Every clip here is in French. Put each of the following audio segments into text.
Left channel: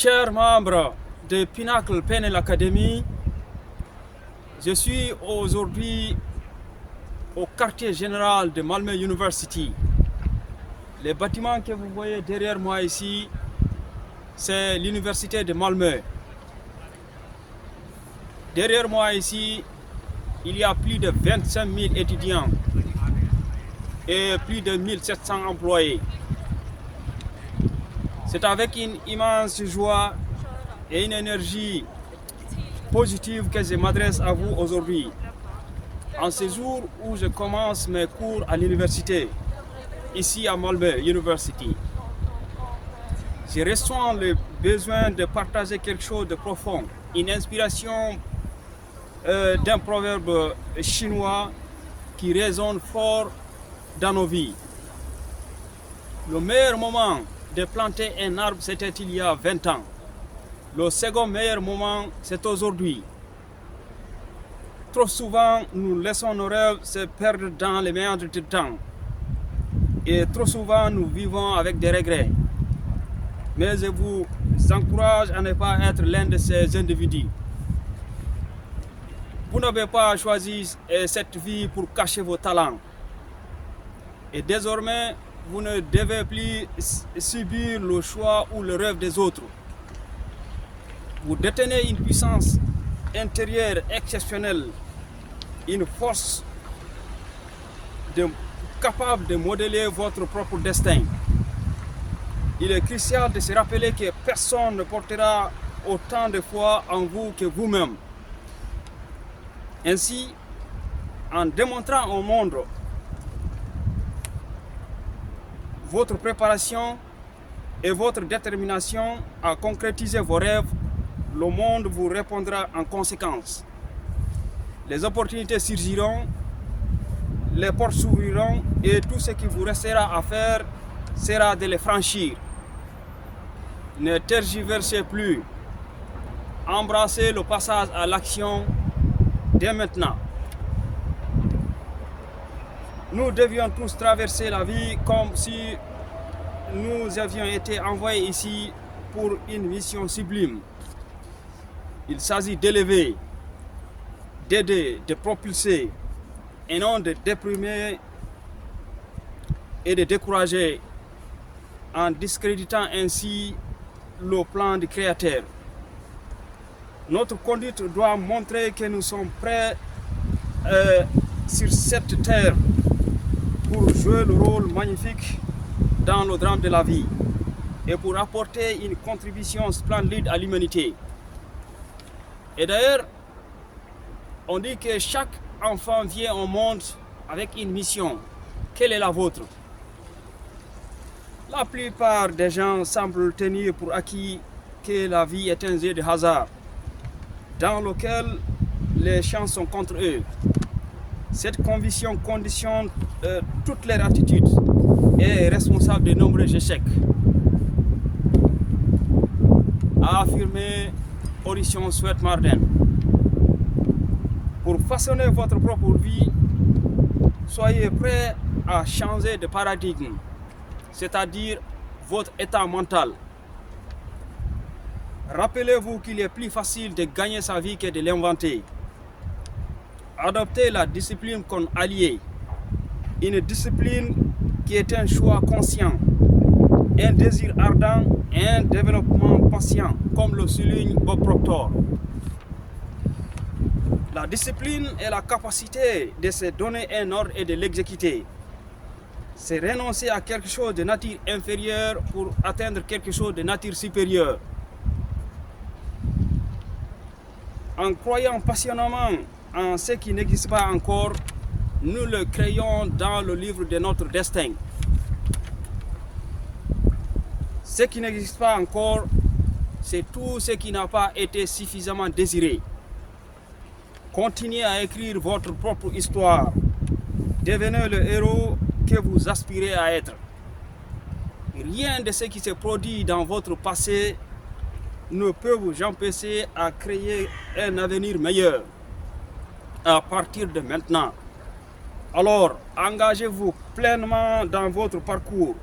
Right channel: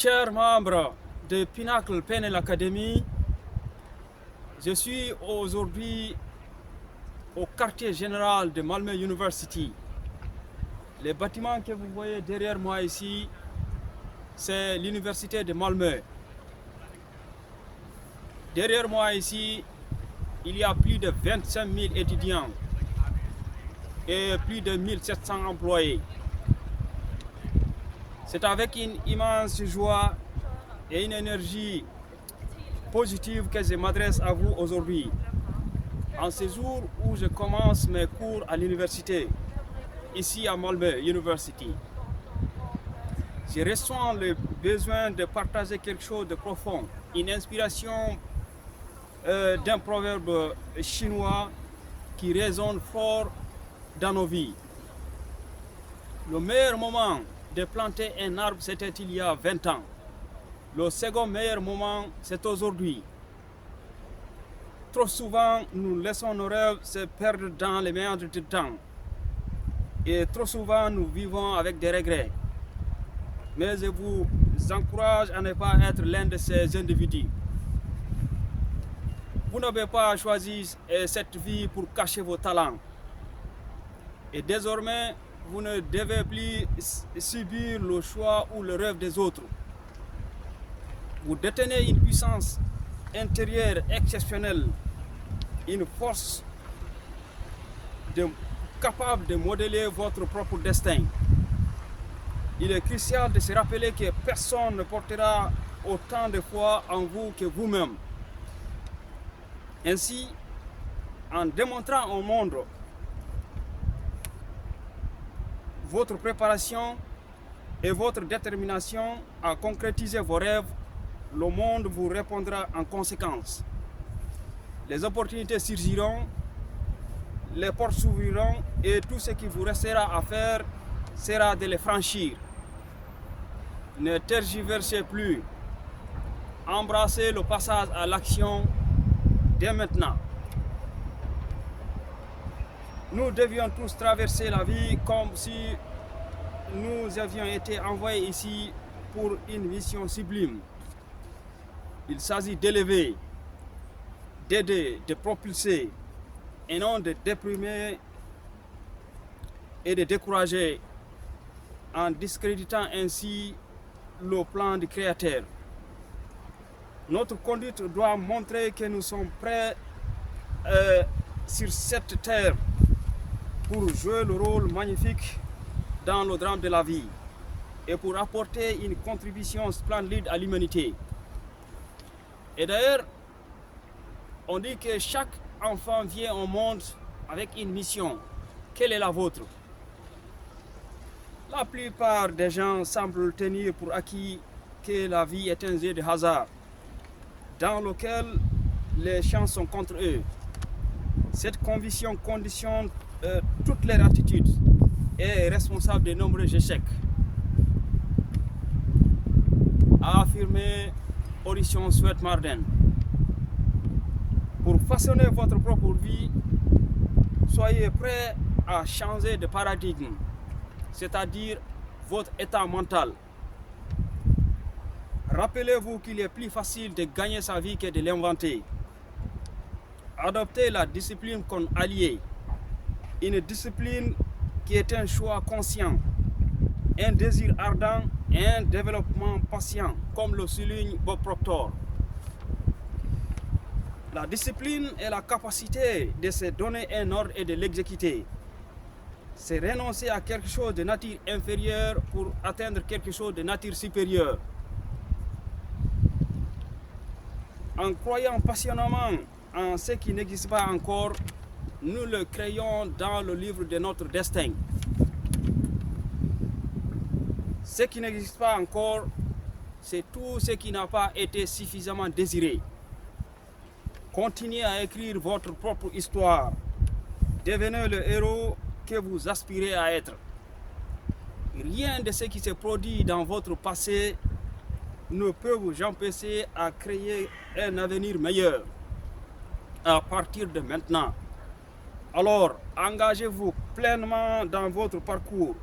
Chers membres de Pinnacle PNL Academy, je suis aujourd'hui au quartier général de Malmö University. Les bâtiments que vous voyez derrière moi ici, c'est l'université de Malmö. Derrière moi ici, il y a plus de 25 000 étudiants et plus de 1700 employés. C'est avec une immense joie et une énergie positive que je m'adresse à vous aujourd'hui. En ce jour où je commence mes cours à l'université, ici à Malmö University, je ressens le besoin de partager quelque chose de profond, une inspiration d'un proverbe chinois qui résonne fort dans nos vies. Le meilleur moment de planter un arbre, c'était il y a 20 ans. Le second meilleur moment, c'est aujourd'hui. Trop souvent, nous laissons nos rêves se perdre dans les méandres du temps. Et trop souvent, nous vivons avec des regrets. Mais je vous encourage à ne pas être l'un de ces individus. Vous n'avez pas choisi cette vie pour cacher vos talents. Et désormais, vous ne devez plus subir le choix ou le rêve des autres. Vous détenez une puissance intérieure exceptionnelle, une force capable de modeler votre propre destin. Il est crucial de se rappeler que personne ne portera autant de foi en vous que vous-même. Ainsi, en démontrant au monde votre préparation et votre détermination à concrétiser vos rêves, le monde vous répondra en conséquence. Les opportunités surgiront, les portes s'ouvriront et tout ce qui vous restera à faire sera de les franchir. Ne tergiversez plus. Embrassez le passage à l'action dès maintenant. Nous devions tous traverser la vie comme si nous avions été envoyés ici pour une mission sublime. Il s'agit d'élever, d'aider, de propulser, et non de déprimer et de décourager en discréditant ainsi le plan du Créateur. Notre conduite doit montrer que nous sommes prêts sur cette terre pour jouer le rôle magnifique dans le drame de la vie et pour apporter une contribution splendide à l'humanité. Et d'ailleurs, on dit que chaque enfant vient au monde avec une mission. Quelle est la vôtre? La plupart des gens semblent tenir pour acquis que la vie est un jeu de hasard dans lequel les chances sont contre eux. Cette conviction conditionne toutes leurs attitudes et est responsable de nombreux échecs. A affirmé Audition Sweat Marden. Pour façonner votre propre vie, soyez prêts à changer de paradigme, c'est-à-dire votre état mental. Rappelez-vous qu'il est plus facile de gagner sa vie que de l'inventer. Adoptez la discipline comme allié, une discipline qui est un choix conscient, un désir ardent et un développement patient, comme le souligne Bob Proctor. La discipline est la capacité de se donner un ordre et de l'exécuter. C'est renoncer à quelque chose de nature inférieure pour atteindre quelque chose de nature supérieure. En croyant passionnément en ce qui n'existe pas encore, nous le créons dans le livre de notre destin. Ce qui n'existe pas encore, c'est tout ce qui n'a pas été suffisamment désiré. Continuez à écrire votre propre histoire. Devenez le héros que vous aspirez à être. Rien de ce qui se produit dans votre passé ne peut vous empêcher à créer un avenir meilleur à partir de maintenant. Alors, engagez-vous pleinement dans votre parcours.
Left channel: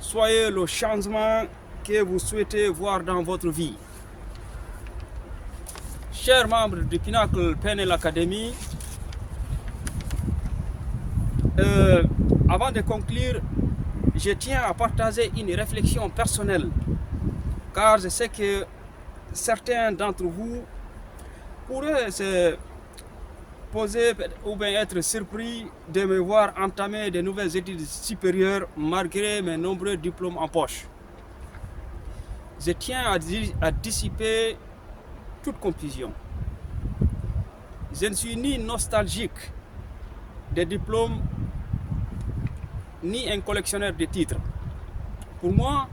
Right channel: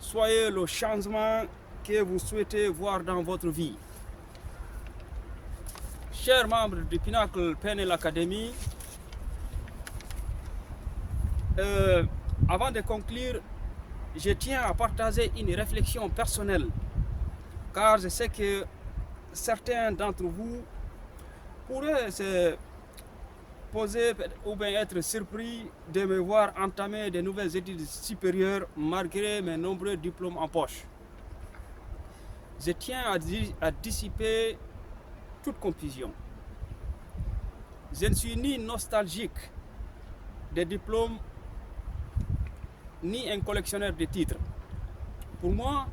Soyez le changement que vous souhaitez voir dans votre vie. Chers membres du Pinnacle PNL Academy, avant de conclure, je tiens à partager une réflexion personnelle, car je sais que certains d'entre vous pourraient se poser ou bien être surpris de me voir entamer de nouvelles études supérieures malgré mes nombreux diplômes en poche. Je tiens à dissiper toute confusion. Je ne suis ni nostalgique des diplômes, ni un collectionneur de titres. Pour moi,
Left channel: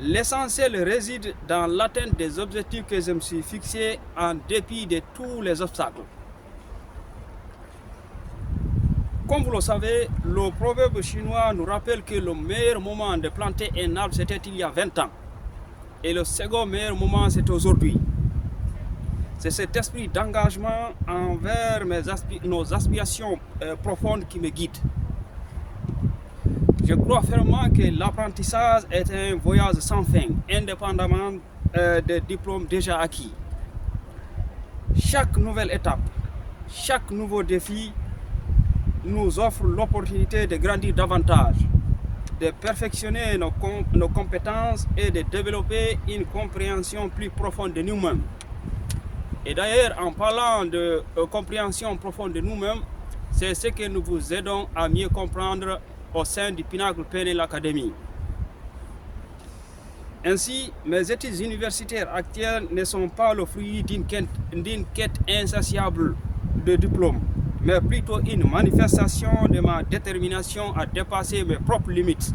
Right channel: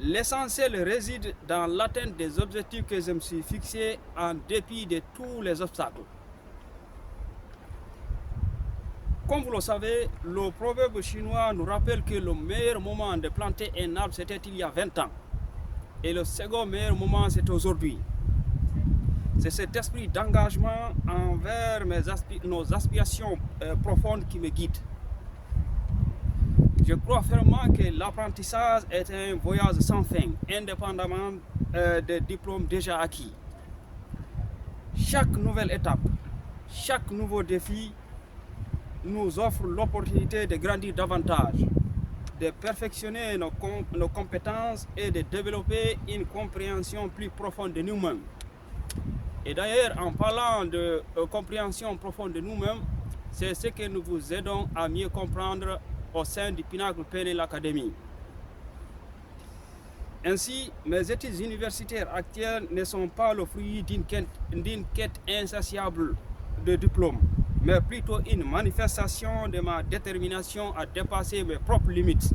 l'essentiel réside dans l'atteinte des objectifs que je me suis fixés en dépit de tous les obstacles. Comme vous le savez, le proverbe chinois nous rappelle que le meilleur moment de planter un arbre, c'était il y a 20 ans. Et le second meilleur moment, c'est aujourd'hui. C'est cet esprit d'engagement envers nos aspirations profondes qui me guide. Je crois fermement que l'apprentissage est un voyage sans fin, indépendamment des diplômes déjà acquis. Chaque nouvelle étape, chaque nouveau défi nous offre l'opportunité de grandir davantage, de perfectionner nos compétences et de développer une compréhension plus profonde de nous-mêmes. Et d'ailleurs, en parlant de compréhension profonde de nous-mêmes, c'est ce que nous vous aidons à mieux comprendre au sein du Pinnacle PNL Academy. Ainsi, mes études universitaires actuelles ne sont pas le fruit d'une quête insatiable de diplômes, mais plutôt une manifestation de ma détermination à dépasser mes propres limites,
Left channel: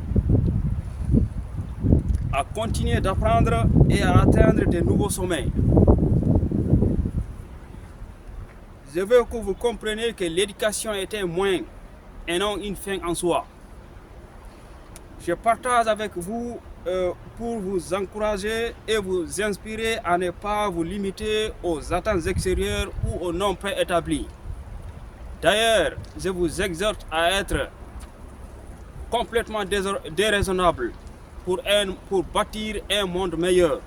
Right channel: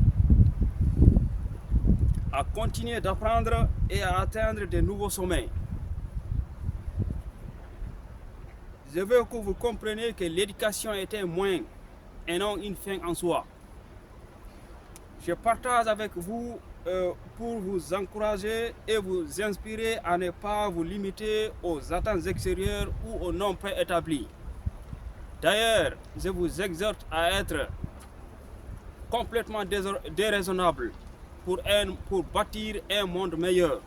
à continuer d'apprendre et à atteindre de nouveaux sommets. Je veux que vous compreniez que l'éducation est un moyen et non une fin en soi. Je partage avec vous pour vous encourager et vous inspirer à ne pas vous limiter aux attentes extérieures ou aux normes préétablies. D'ailleurs, je vous exhorte à être complètement déraisonnable pour bâtir un monde meilleur.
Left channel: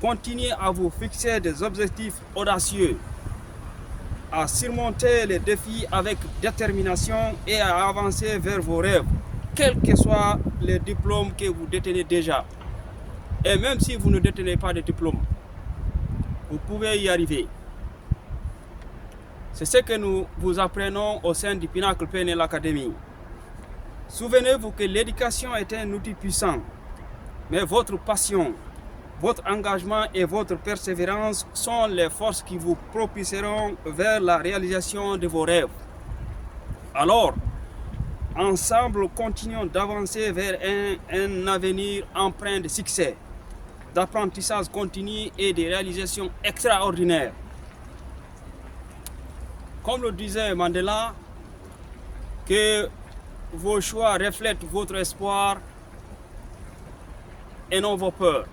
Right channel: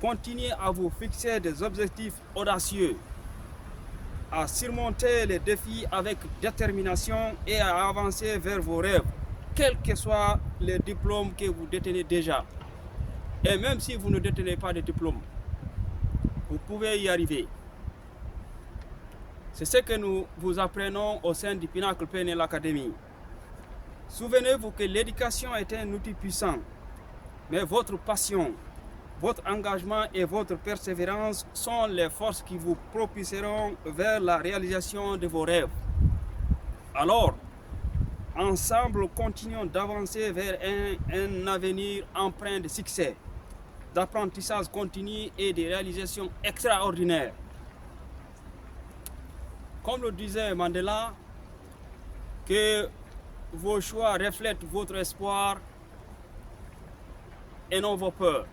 Continuez à vous fixer des objectifs audacieux, à surmonter les défis avec détermination et à avancer vers vos rêves, quels que soient les diplômes que vous détenez déjà. Et même si vous ne détenez pas de diplôme, vous pouvez y arriver. C'est ce que nous vous apprenons au sein du Pinnacle PNL Academy. Souvenez-vous que l'éducation est un outil puissant, mais votre passion, votre engagement et votre persévérance sont les forces qui vous propulseront vers la réalisation de vos rêves. Alors, ensemble, continuons d'avancer vers un avenir empreint de succès, d'apprentissage continu et de réalisations extraordinaires. Comme le disait Mandela, que vos choix reflètent votre espoir et non vos peurs.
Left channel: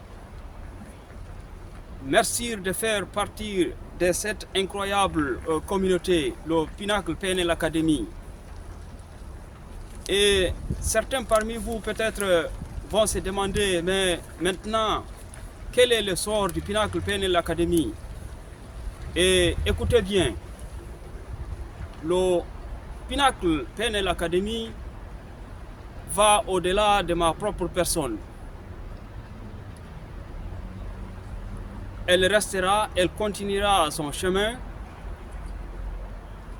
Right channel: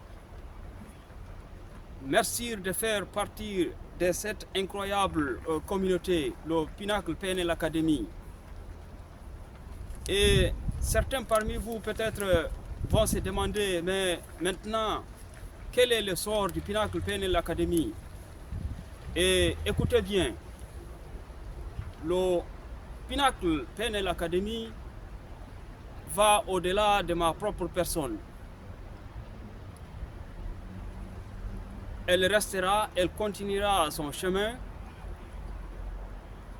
Merci de faire partie de cette incroyable communauté, le Pinnacle PNL Academy. Et certains parmi vous peut-être vont se demander, mais maintenant, quel est le sort du Pinnacle PNL Academy? Et écoutez bien, le Pinnacle PNL Academy va au-delà de ma propre personne. Elle restera, elle continuera son chemin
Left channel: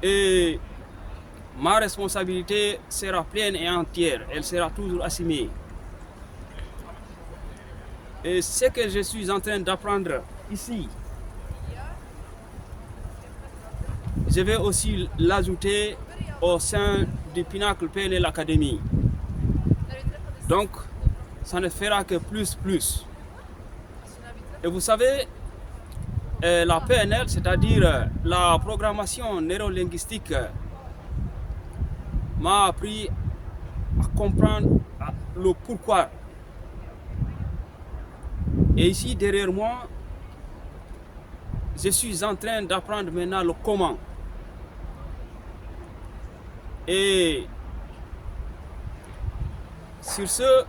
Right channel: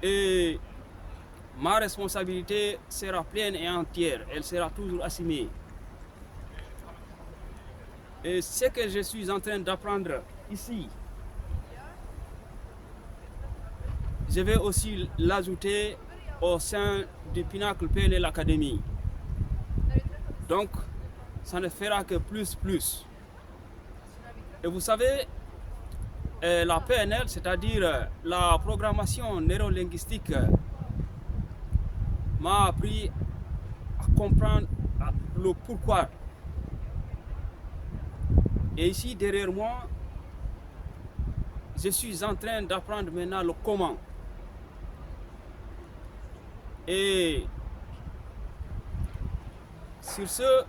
et ma responsabilité sera pleine et entière, elle sera toujours assumée. Et ce que je suis en train d'apprendre ici, je vais aussi l'ajouter au sein du Pinnacle PNL Academy. Donc, ça ne fera que plus. Et vous savez, la PNL, c'est-à-dire la programmation neurolinguistique, m'a appris à comprendre le pourquoi. Et ici, derrière moi, je suis en train d'apprendre maintenant le comment. Et sur ce,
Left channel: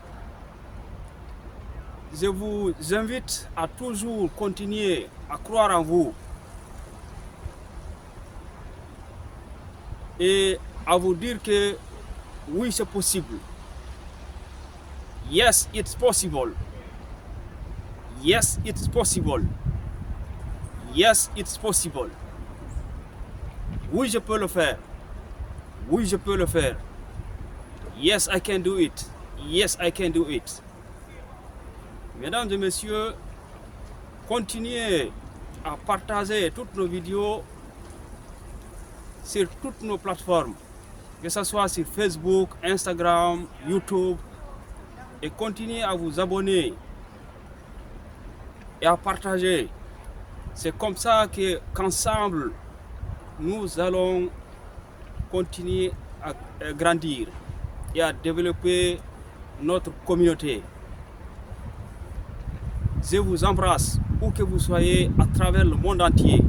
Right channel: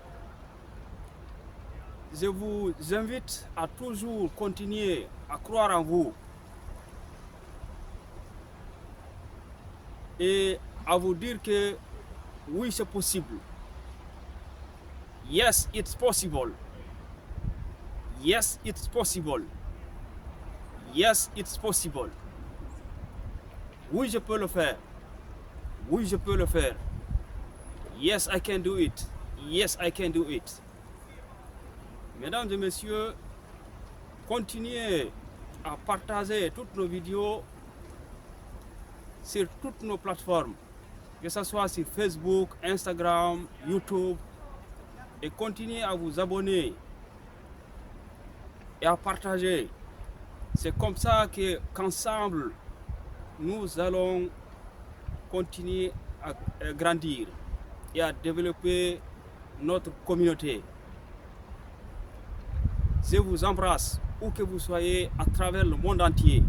je vous invite à toujours continuer à croire en vous et à vous dire que oui, c'est possible. Yes, it's possible. Yes, it's possible. Yes, it's possible. Oui, je peux le faire. Oui, je peux le faire. Yes, I can do it. Yes, I can do it. Mesdames et messieurs, continuez à partager toutes nos vidéos sur toutes nos plateformes, que ce soit sur Facebook, Instagram, YouTube, et continuez à vous abonner et à partager. C'est comme ça qu'ensemble, nous allons continuer à grandir et à développer notre communauté. Je vous embrasse où que vous soyez à travers le monde entier.